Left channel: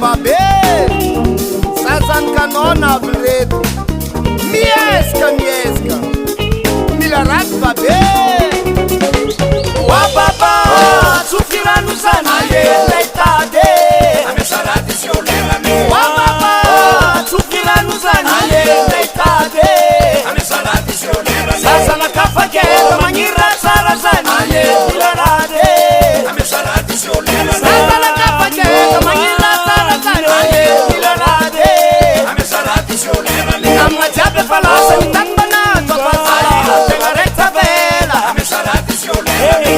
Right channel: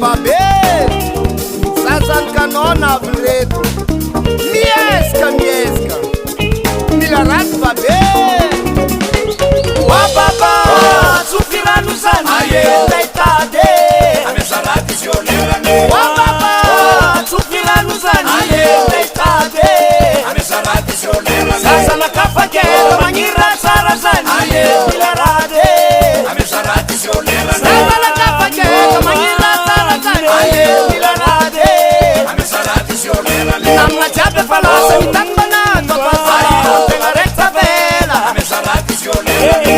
babe sasany kanona avy reto miezaka mila raty babe wa baba tsofiranosany ndeitade wa baba tsofiranosany ndeitade sasana kafaketa magnira tsara zany mila raty sasana kafaketa magnira tsara zany mila raty namagna jiaby efa lasa nitady mbanato apasala tegna rekta vela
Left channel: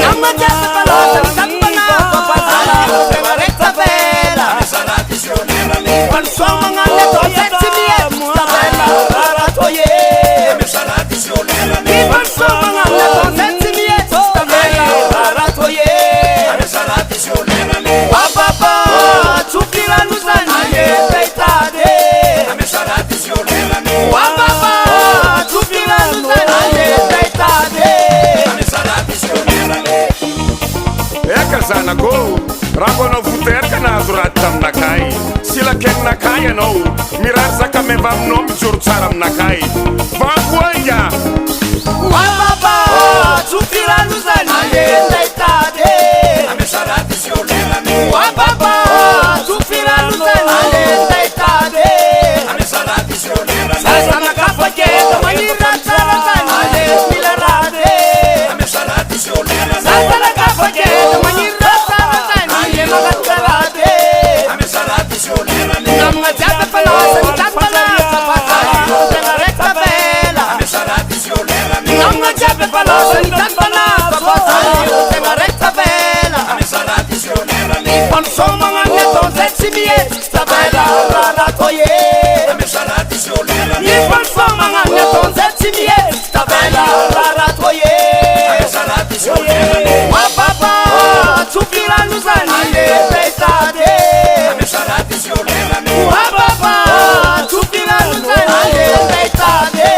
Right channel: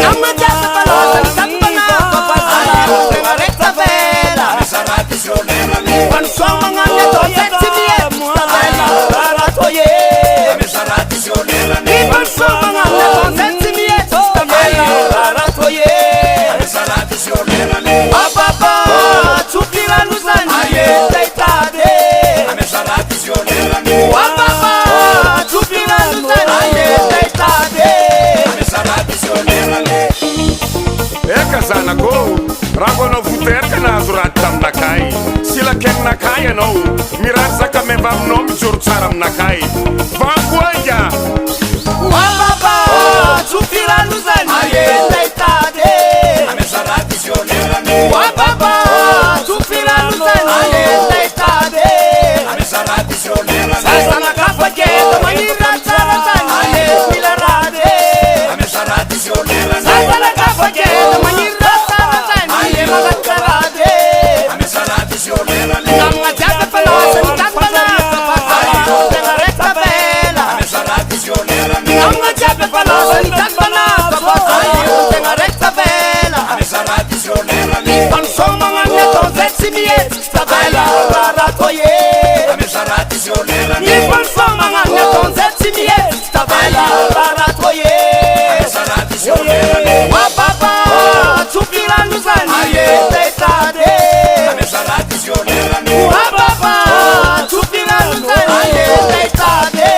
namagna jiaby efa lasa nitady mbanato apasala tegna rekta vela fansoagna magnaminy ataonzay tsy mihety tsy tavela rarato ye fansoagna magnaminy ataonzay tsy mihety tsy tavela rarato ye bababa tsofirano zany ndeitady wababa tsofirano zany ndeitady eka zanako raha anao voteraka nahazo raty taminakay silakeninakay anao mirary zakameva aminao mijoro tsara aminakay vangoanga wababa tsofirano zany ndeitady wababa tsofirano zany ndeitady sasana kafaketa magnira tsara zany mila raty sasana kafaketa magnira tsara zany magatra raty namagna jiaby efa lasa nitady mbanato apasala tegna rekta vela namagna jiaby efa lasa nitady mbanato apasala tegna rekta vela ifanosogna magnaminy ataonzay tsy mihety tsy tavela rarato ye ifanosogna magnaminy ataonzay tsy mihety tsy tavela rarato ye wa baba tsofirano zany ndeitady wa baba tsofirano zany ndeitady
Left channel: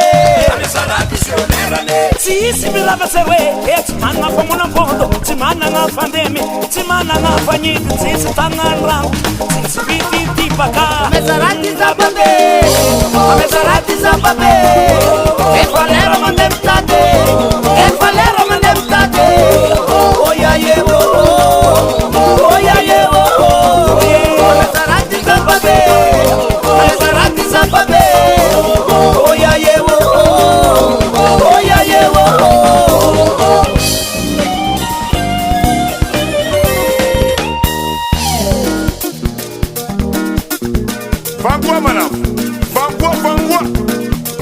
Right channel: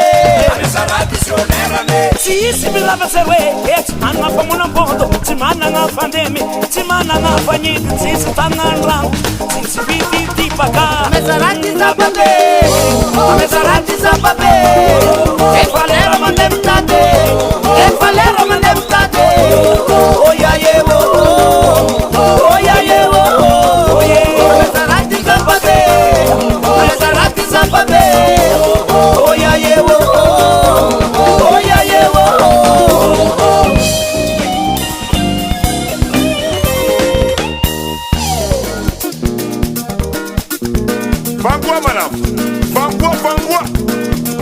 amezarati zababe amezarati zababe efalero mandemtade efalero mandemtade oyayewo oyayewo amezarati zababe amezarati zababe oyayewo oyayewo vangoa manafo vangoa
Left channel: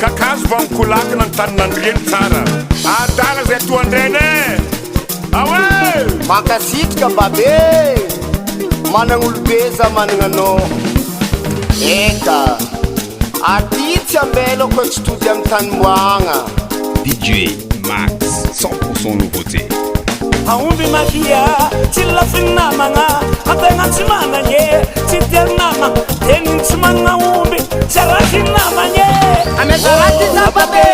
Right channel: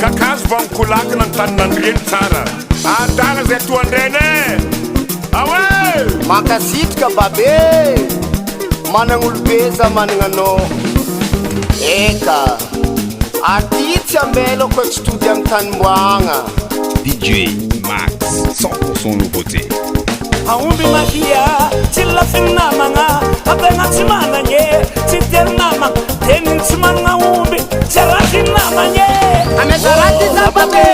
kakazo vankolaka nantanynandreny tsara adala zay toandreny awe makasitrika babe managnolobeza managnanao eka aditsy amelako tsy togy amy tanoagna DJ Max 100% nouveauté. aomby madia tsy lafiny namagna fatena tsy mananye tsy telo nama teniny tsy managna omby tsy lafiny namanye amezarati zababe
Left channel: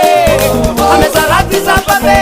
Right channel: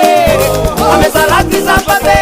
amezarati zababe